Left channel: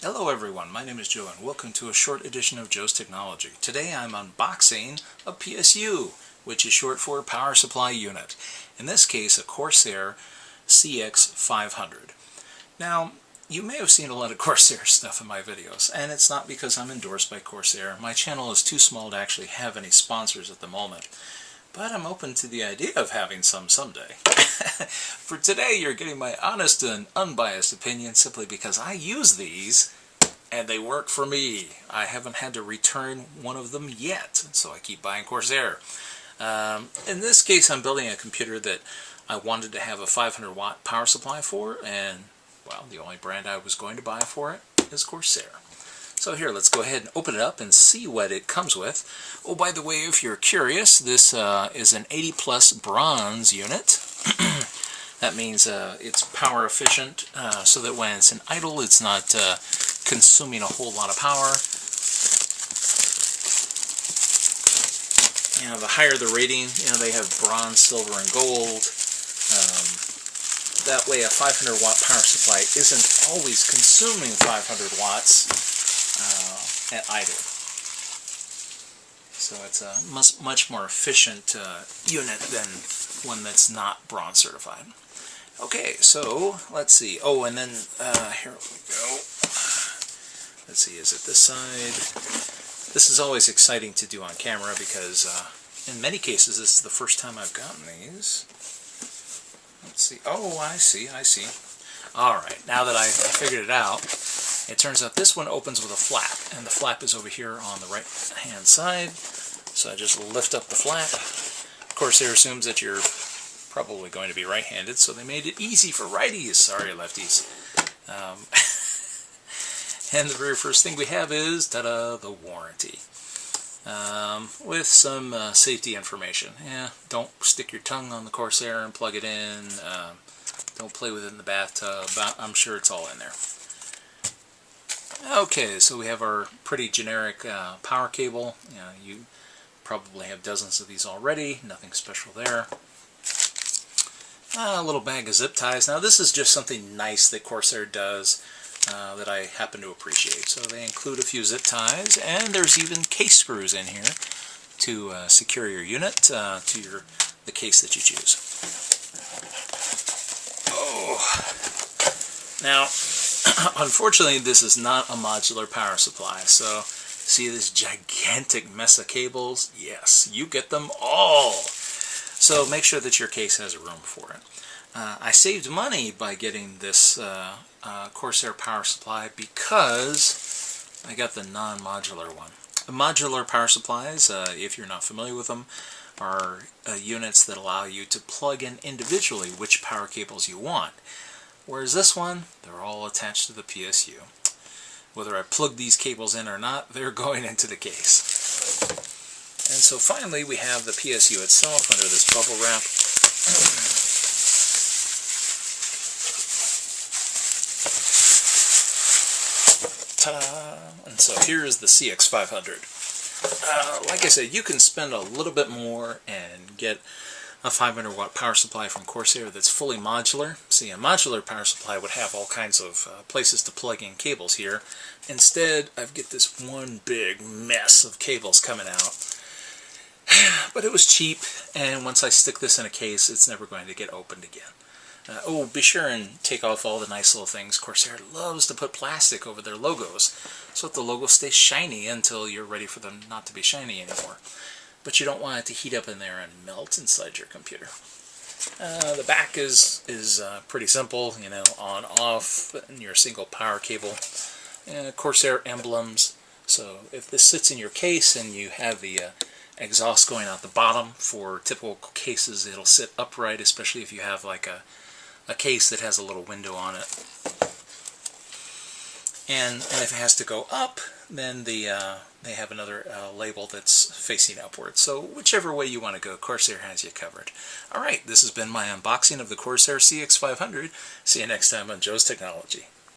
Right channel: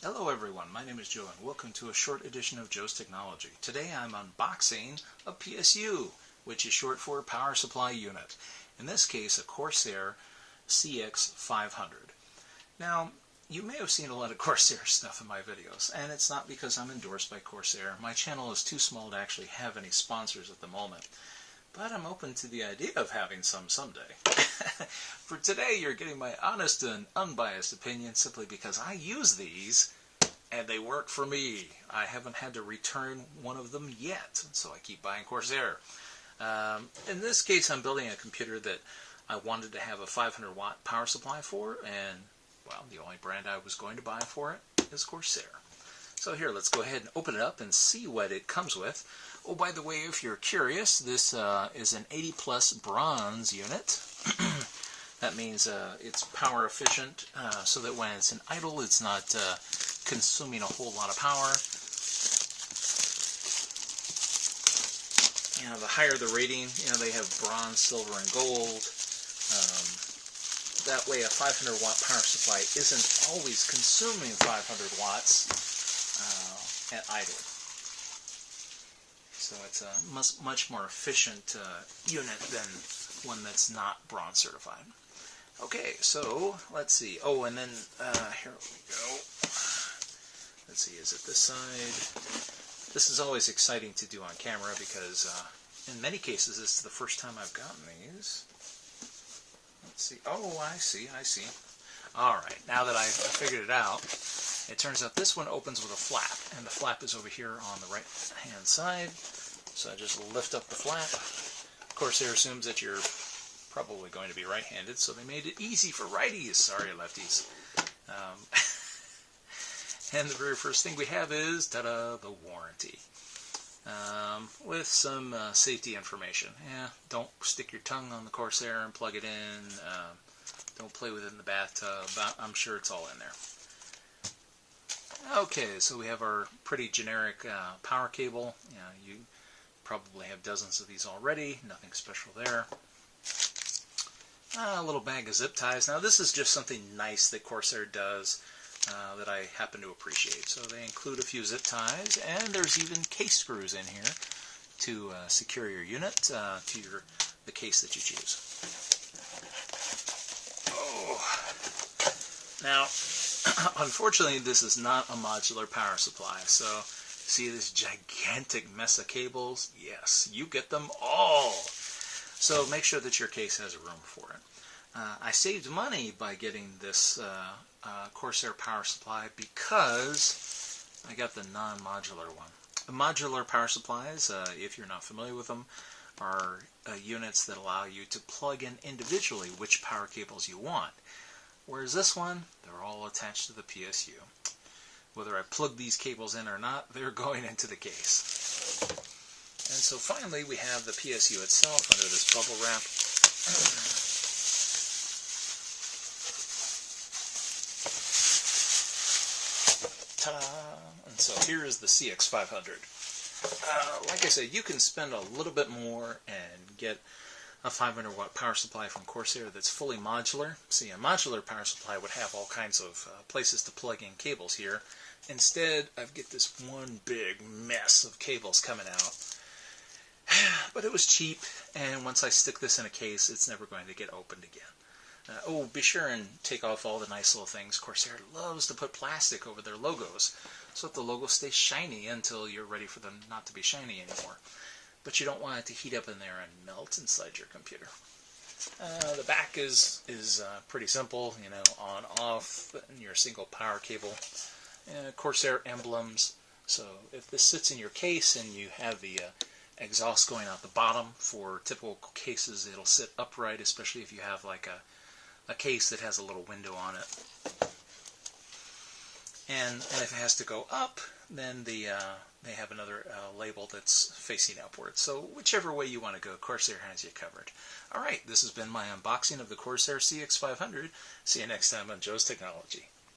Hello everyone, my name is Joe and welcome to a short edition of Joe's Technology. Today I'm unboxing a PSU, which is short for Power Supply Unit. In this case, a Corsair CX500. Now, you may have seen a lot of Corsair stuff in my videos, and it's not because I'm endorsed by Corsair. My channel is too small to actually have any sponsors at the moment. But I'm open to the idea of having some someday. For today, you're getting my honest and unbiased opinion simply because I use these and they work for me. I haven't had to return one of them yet, so I keep buying Corsair. In this case, I'm building a computer that I wanted to have a 500 watt power supply for, and well, the only brand I was going to buy for it is Corsair. So here, let's go ahead and open it up and see what it comes with. Oh, by the way, if you're curious, this is an 80 plus bronze unit. That means it's power efficient, so that when it's in idle, it's not consuming a whole lot of power. You know, the higher the rating, you know, they have bronze, silver, and gold. That way, a 500 watt power supply isn't always consuming 500 watts. At idle. So it's a much more efficient unit than one that's not bronze certified. Okay, so let's see. Oh, and then here we go. Let's see, is it this side? This is always exciting to do on camera because in many cases this is the first time I've gotten these. Let's see. Oh, I see. Alright, now that I figured it out, it turns out this one opens with a flap, and the flap is over here on the right hand side. So I just lift up the flap. Corsair assumes that you're probably going to be right-handed, so they made it easy for righties. Sorry, lefties. And the very first thing we have is, ta-da, the warranty. With some safety information. Yeah, don't stick your tongue on the Corsair and plug it in. Don't play with it in the bathtub. I'm sure it's all in there. Okay, so we have our pretty generic power cable. You probably have dozens of these already. Nothing special there. A little bag of zip ties. Now this is just something nice that Corsair does that I happen to appreciate. So they include a few zip ties, and there's even case screws in here to secure your unit to the case that you choose. Now, unfortunately, this is not a modular power supply, so see this gigantic mess of cables? Yes, you get them all! So make sure that your case has room for it. I saved money by getting this Corsair power supply because I got the non-modular one. The modular power supplies, if you're not familiar with them, are units that allow you to plug in individually which power cables you want. Whereas this one, they're all attached to the PSU. Whether I plug these cables in or not, they're going into the case. And so finally we have the PSU itself under this bubble wrap. Ta-da! And so here's the CX500. Like I said, you can spend a little bit more and get a 500 watt power supply from Corsair that's fully modular. See, a modular power supply would have all kinds of places to plug in cables here. Instead, I've got this one big mess of cables coming out. But it was cheap, and once I stick this in a case, it's never going to get opened again. Oh, be sure and take off all the nice little things. Corsair loves to put plastic over their logos, so that the logo stays shiny until you're ready for them not to be shiny anymore. But you don't want it to heat up in there and melt inside your computer. The back is pretty simple, you know, on, off, and your single power cable. Corsair emblems. So if this sits in your case and you have the exhaust going out the bottom, for typical cases it'll sit upright, especially if you have like a case that has a little window on it. And if it has to go up, then they have another label that's facing upward. So whichever way you want to go, Corsair has you covered. Alright, this has been my unboxing of the Corsair CX500. See you next time on Joe's Technology.